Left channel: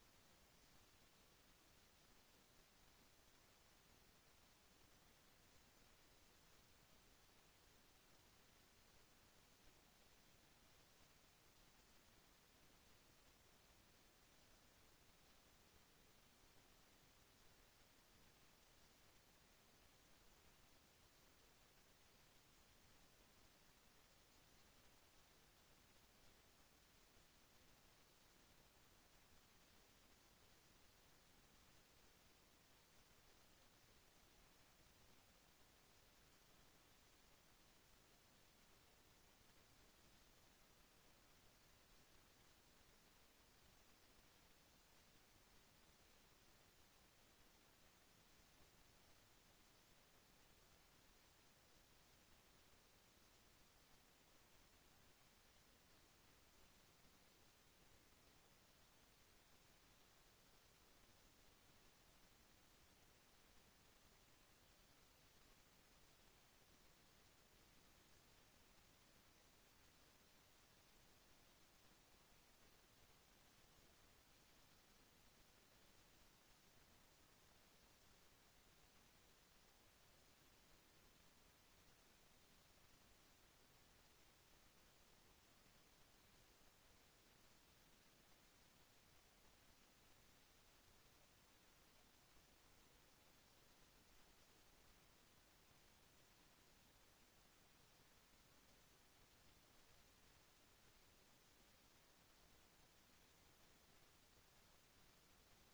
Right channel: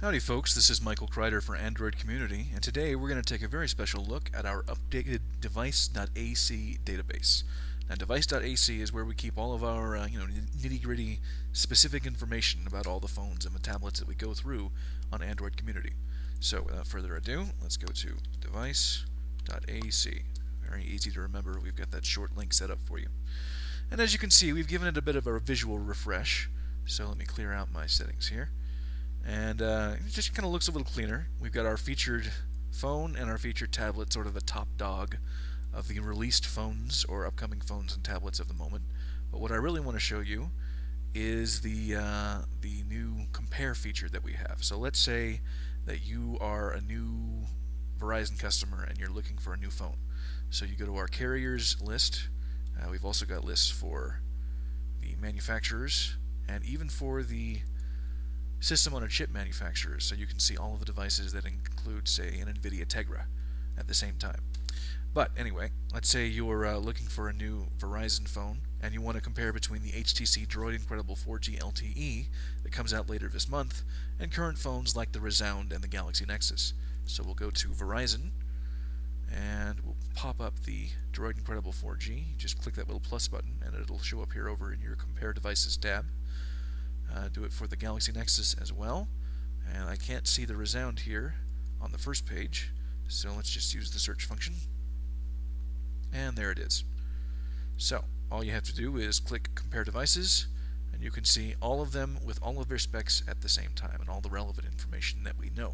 Howdy folks, this is Michael Kreider for Android Community, and today we're going to take a very special look at our updated Device.ac database. Now Device.ac is where we keep all of our nitty-gritty specific information about all the phones and the tablets that we go through on Android Community. So without further ado, let's go to Device.ac. Very easy to remember, we've got that short link set up for you. And as you can see, we've given it a bit of a visual refresh, so let me clear out my settings here. And it just kind of looks a little cleaner. We've got our featured phone and our featured tablet, sort of the top dog of the released phones or upcoming phones and tablets of the moment. But what I really want to show you is the new compare feature that we have. So let's say that you are a new Verizon customer and you're looking for a new phone. So you go to our carriers list. We've also got lists for the manufacturers and even for the system on a chip manufacturers, so you can see all of the devices that include, say, an NVIDIA Tegra at the same time. But anyway, let's say you're looking for a new Verizon phone and you want to compare between the HTC Droid Incredible 4G LTE that comes out later this month and current phones like the Resound and the Galaxy Nexus. So we'll go to Verizon and we'll pop up the Droid Incredible 4G. Just click that little plus button and it'll show up here over in your Compare Devices tab. Do it for the Galaxy Nexus as well, and I can't see the Resound here on the first page, so let's just use the search function, and there it is. So all you have to do is click Compare Devices, and you can see all of them with all of their specs at the same time and all the relevant information that we know.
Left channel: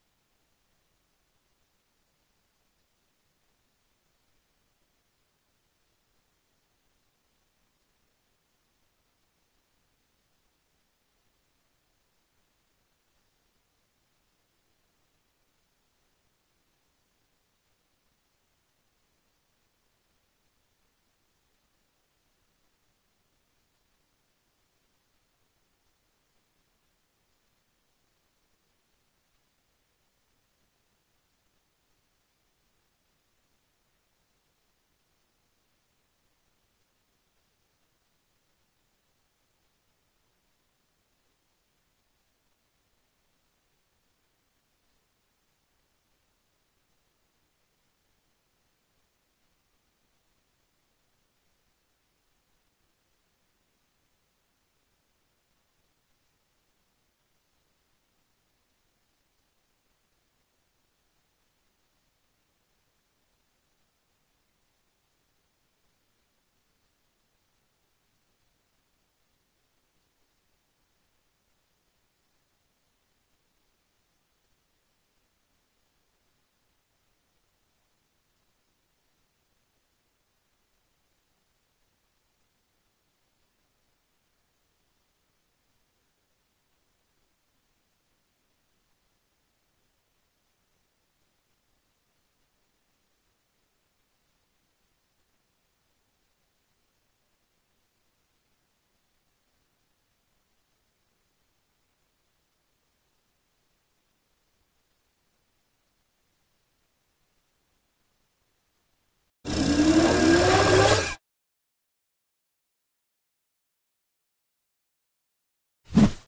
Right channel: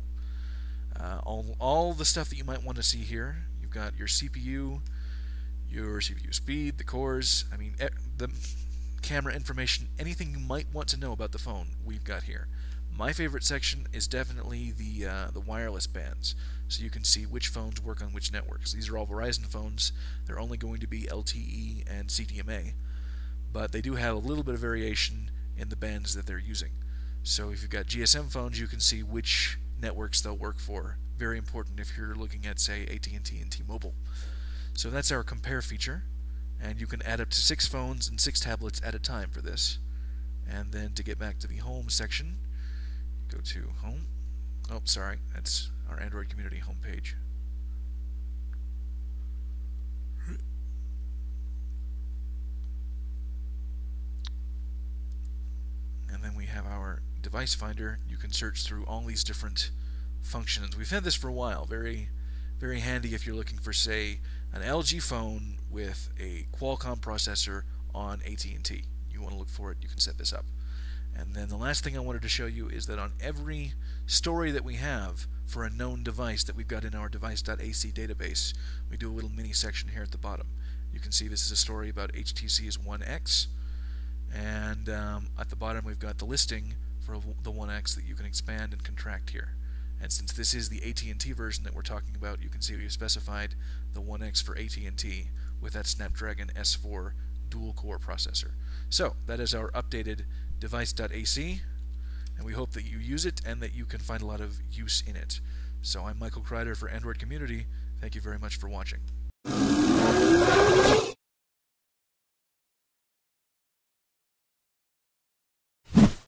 All the stuff that you might want to see here. You've got your CPU speed, the cores, I mean the camera information, anything you might want to know about the phone, we've got here. My favorite section is definitely the wireless bands, so you can see which phones work on which networks. These are all Verizon phones. They're only going to be LTE and CDMA, but they do have a little bit of variation in the bands that they're using. So if you've got GSM phones, you can see which networks they'll work for. Very important if you're looking at, say, AT&T and T-Mobile. So that's our compare feature. And you can add up to 6 phones and 6 tablets at a time for this. And then to get back to the home section, go to home. Oh, sorry, that's our Android Community homepage. And then we have our device finder. You can search through all these different functions. We've had this for a while. Very, very handy if you're looking for, say, an LG phone with a Qualcomm processor on AT&T. You want to look for it, you can set this up. And then the last thing I wanted to show you is that on every story that we have for a known device that we've got in our Device.ac database, we do a little mini section here at the bottom. You can see this is a story about HTC's One X, and at the bottom we've got the listing for the One X that you can expand and contract here. And since this is the AT&T version that we're talking about, you can see we've specified the One X for AT&T with that Snapdragon S4 dual-core processor. So that is our updated Device.ac, and we hope that you use it and that you can find a lot of use in it. So I'm Michael Kreider for Android Community. Thank you very much for watching.